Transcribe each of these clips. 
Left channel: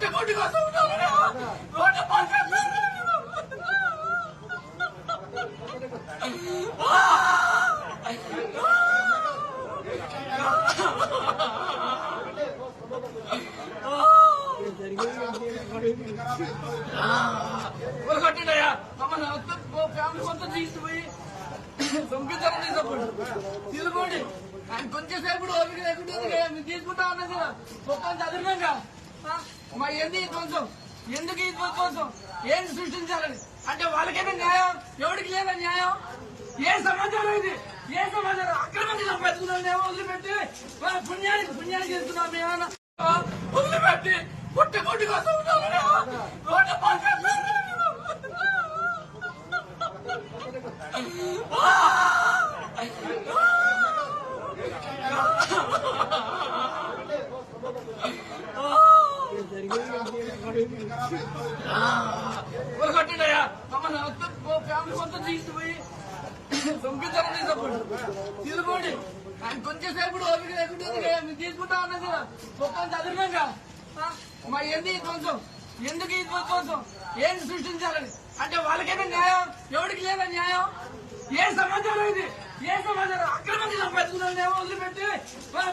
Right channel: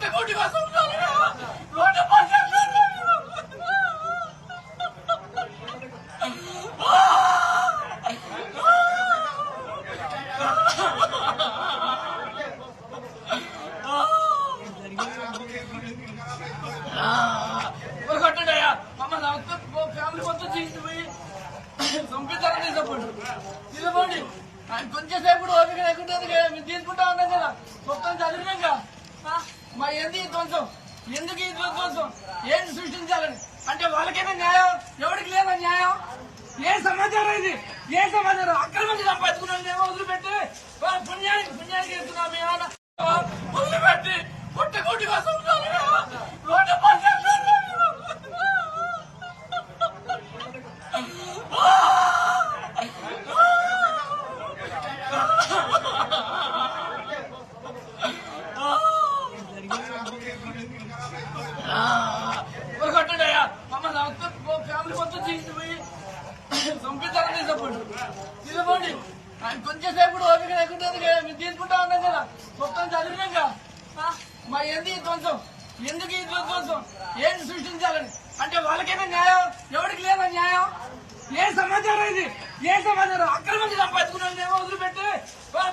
పొట్టకోటి కోసం రోడ్డు పైకి కట్టడయా ఫ్యామిలీ మొత్తం తీసుకుపోయి పంపిస్తారని తీసుకోండి ఆయన కొంచెం సేపు ఓపిక లేకుంటే మీరు తీసుకుంటా ఉన్నాం కదా మొత్తం చదివినాక మరి ఎందుకు ఈ ధ్వంసం ఎందుకు ఈ ధ్వంసం ఏం సృష్టించాలని అంటే వాళ్ళకైనా న్యాయం ఎవరికి లేదా న్యాయం ఏ సమాచారం ఇది ఏ సమాచారం అక్రమంగా సంపాదించుకున్నాం వదిలిపెట్టి పుణ్యానికి చేస్తున్నాం ఏమన్నా వదిలిపెట్టి పుట్టకోటి కోసం రోడ్డు పైకి కట్టడయా ఫ్యామిలీ మొత్తం తీసుకుపోయి పంపిస్తారని తీసుకోండి ఆయన కొంచెం సేపు ఓపిక లేకుంటే మీరు తీసుకుంటా ఉన్నాం కదా మొత్తం చదివినాక మరి ఎందుకు ఈ ధ్వంసం ఎందుకు ఈ ధ్వంసం ఏం సృష్టించాలని అంటే వాళ్ళకైనా న్యాయం ఎవరికి లేదా న్యాయం ఏ సమాచారం ఇది ఏ సమాచారం అక్రమంగా సంపాదించుకున్నాం వదిలిపెట్టి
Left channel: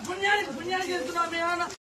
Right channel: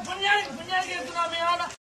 పుణ్యానికి చేస్తున్నాం ఏమన్నా